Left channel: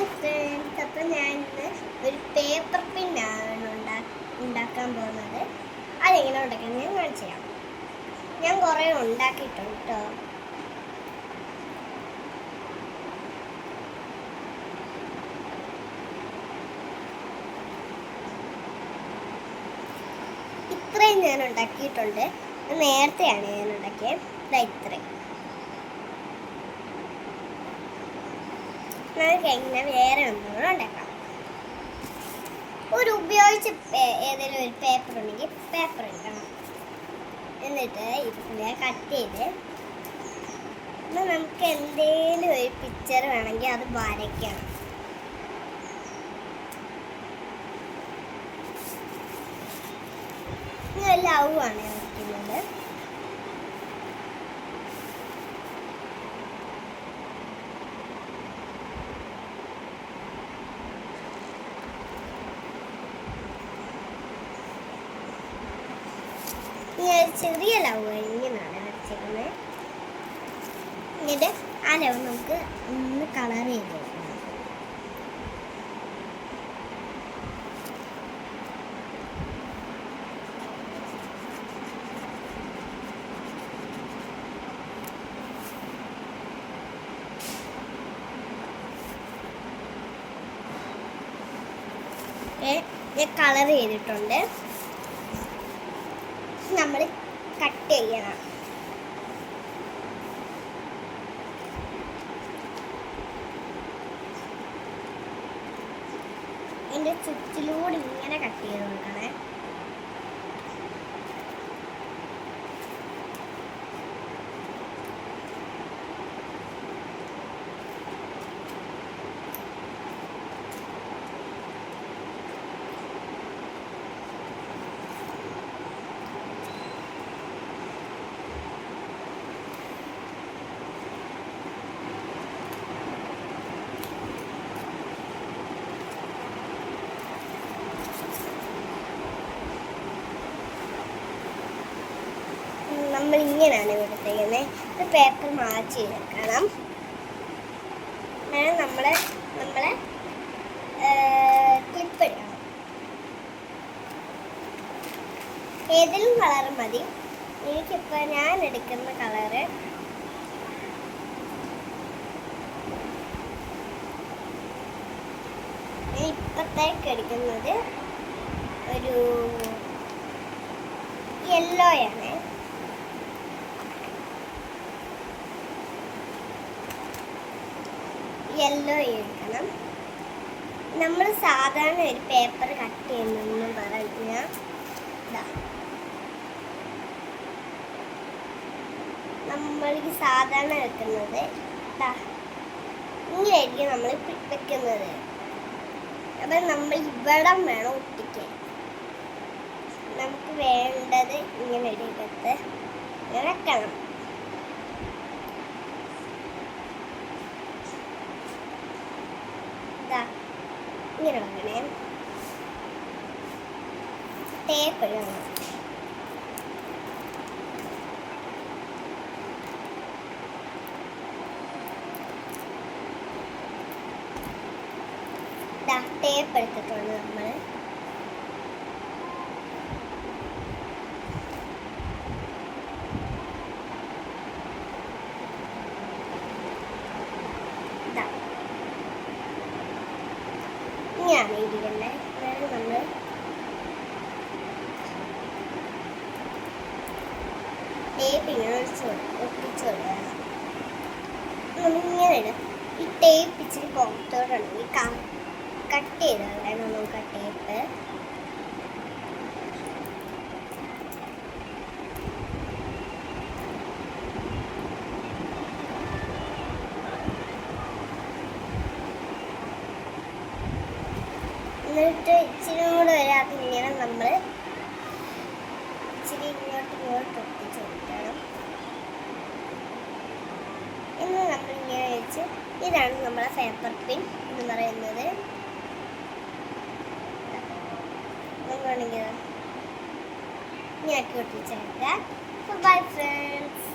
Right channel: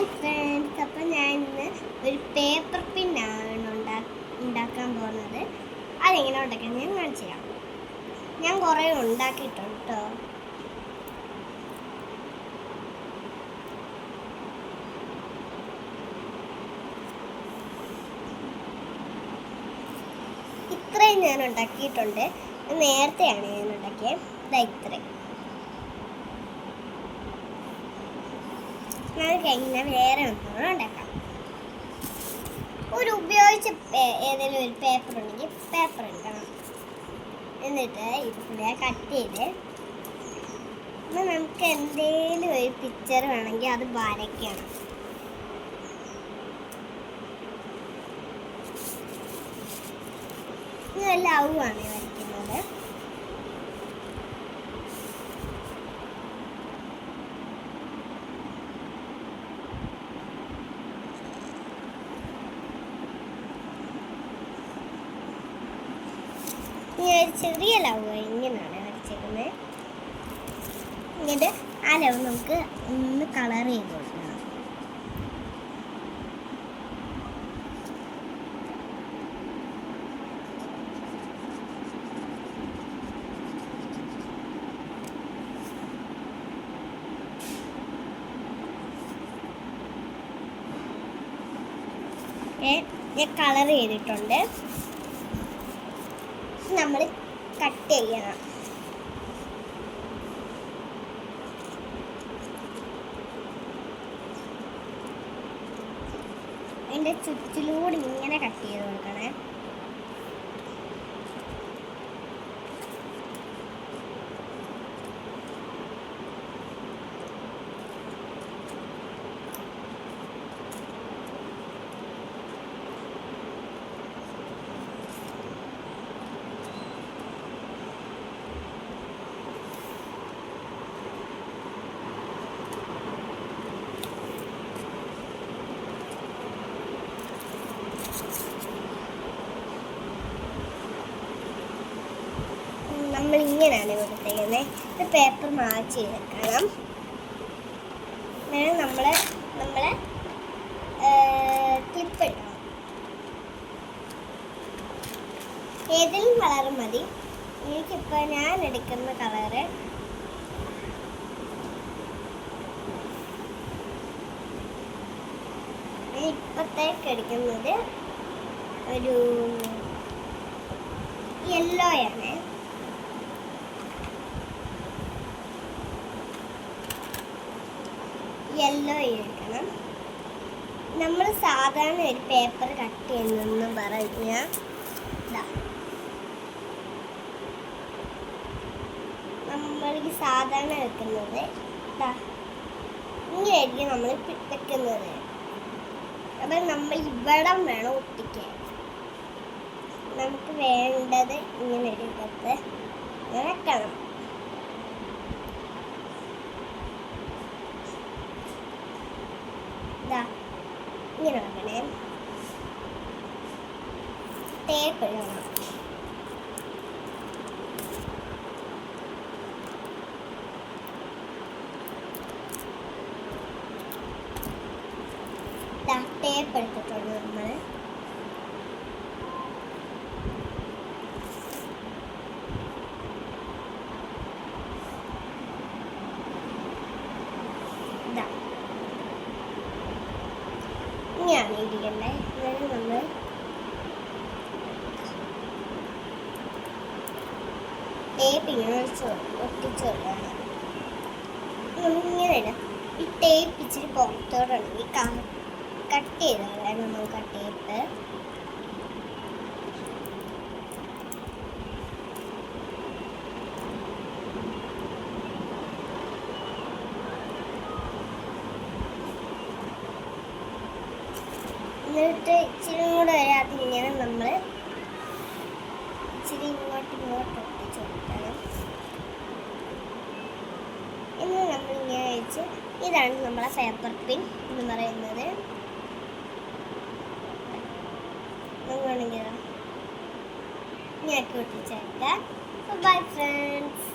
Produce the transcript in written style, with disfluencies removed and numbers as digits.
Hi friends, അപ്പം ഞാൻ ഇന്ന് ഒരു പേപ്പർ പിന്നാണ് ഉണ്ടാക്കാൻ പോകുന്നത്. അതെങ്ങനെ ഉണ്ടാക്കുന്നത് ഞാൻ കാണിച്ചു തരാം. ഞാൻ കുറേ ഉണ്ടാക്കിയിട്ടുണ്ട് കേട്ടോ. ഇത്രയും ഞാൻ ഉണ്ടാക്കിയിട്ടുണ്ട്. നേരത്തെയാണ് ഞാൻ ഉണ്ടാക്കിയത്. ഇത്രയും നമുക്ക് എങ്ങനെ വേറെ ഒന്നും ഉണ്ടാക്കാം. ഒരു ഉപയോഗിച്ച ഏതെങ്കിലും ഒരു പേപ്പർ ഉണ്ടെങ്കിൽ പേപ്പർ എടുക്കണം. എന്നിട്ട് ഇതിനെ കട്ട് ചെയ്ത് നമുക്ക് എന്തെങ്കിലും ഒരു പിക്ചർ വേണമെങ്കിൽ അത് വരയ്ക്കണം. ഇത് ലവ് ആണ് വരയ്ക്കുന്നത്. ചെറിയ ലവ് ഇങ്ങനെയാണ് വരച്ചേക്കുന്നത്. എന്നിട്ട് ആ ലവ് നമുക്ക് ഒന്ന് കളർ ചെയ്ത് കൊടുക്കണം. ഞാൻ കളർ ചെയ്തിട്ടുണ്ട്. നമ്മൾ കട്ട് ചെയ്യണം. അതിൻ്റെ ചുറ്റിലൂടെ ഇങ്ങനെ കട്ട് ചെയ്ത് കൊടുക്കണേ. നമ്മൾ ഇങ്ങനെയാണ് കൊടുത്തേക്കുന്നത്. ഇത് പേപ്പർ മാച്ച് വെക്കണം. നമ്മളെ ക്ലിപ്പ് ഇടണം. ഏതെങ്കിലും കളർ മതി. എനിക്കിപ്പോൾ ഞാൻ എടുക്കുന്ന കളറ് ഇപ്പോഴത്തേക്ക് എടുക്കുന്നത് ഒരു യെല്ലോയാണ്. യെല്ലോ എടുക്കണം. നമ്മൾ സാധാരണ ഒരു പേപ്പർ കട്ട് ചെയ്യുന്നെന്ന് പറഞ്ഞാൽ നമ്മൾ സാധാരണ വെക്കുന്നത് ഇങ്ങനെയായിരിക്കും നമ്മൾ വെക്കുന്നത്. അപ്പം നമ്മൾ ഇവിടം വേണം ഒട്ടിക്കാൻ. നമുക്ക് വേണ്ടത് ഇങ്ങനെ എടുക്കത്ത് വെക്കണം. ഇങ്ങനെ വെക്കണേ. ടേപ്പ് ഇടണം. ടേപ്പ് എടുത്തിട്ടുണ്ട് നമ്മൾ. ഇങ്ങനെയാണ് ഇരിക്കണ്ടേ. അതായത് നമ്മൾ ടേപ്പ് ഇങ്ങനെ ഒട്ടിച്ചു കൊടുക്കണം. നമ്മളിങ്ങനെ ഇടും. ഈ ടേപ്പ് ഇച്ചിരി പുറത്തോട്ടാണെങ്കിൽ കട്ട് ചെയ്ത് കളയണം നമുക്ക് ആ ടേപ്പ്. എന്നിട്ട് ഇച്ചിരി കൂടെ വരാതെ ഇങ്ങനെ നമ്മൾ ഇച്ചിരി ഇങ്ങോട്ട് ഒട്ടിച്ച് കൊടുക്കണം. എന്ന് നമ്മളിങ്ങനെ വെച്ച് ഇതാണ് നമ്മളെ പേപ്പർ പിൻ എന്ന് പറയുന്നത്. വേണമെങ്കിൽ ഞാൻ ഒട്ടിച്ച് കൊടുക്കാം. Bye friends.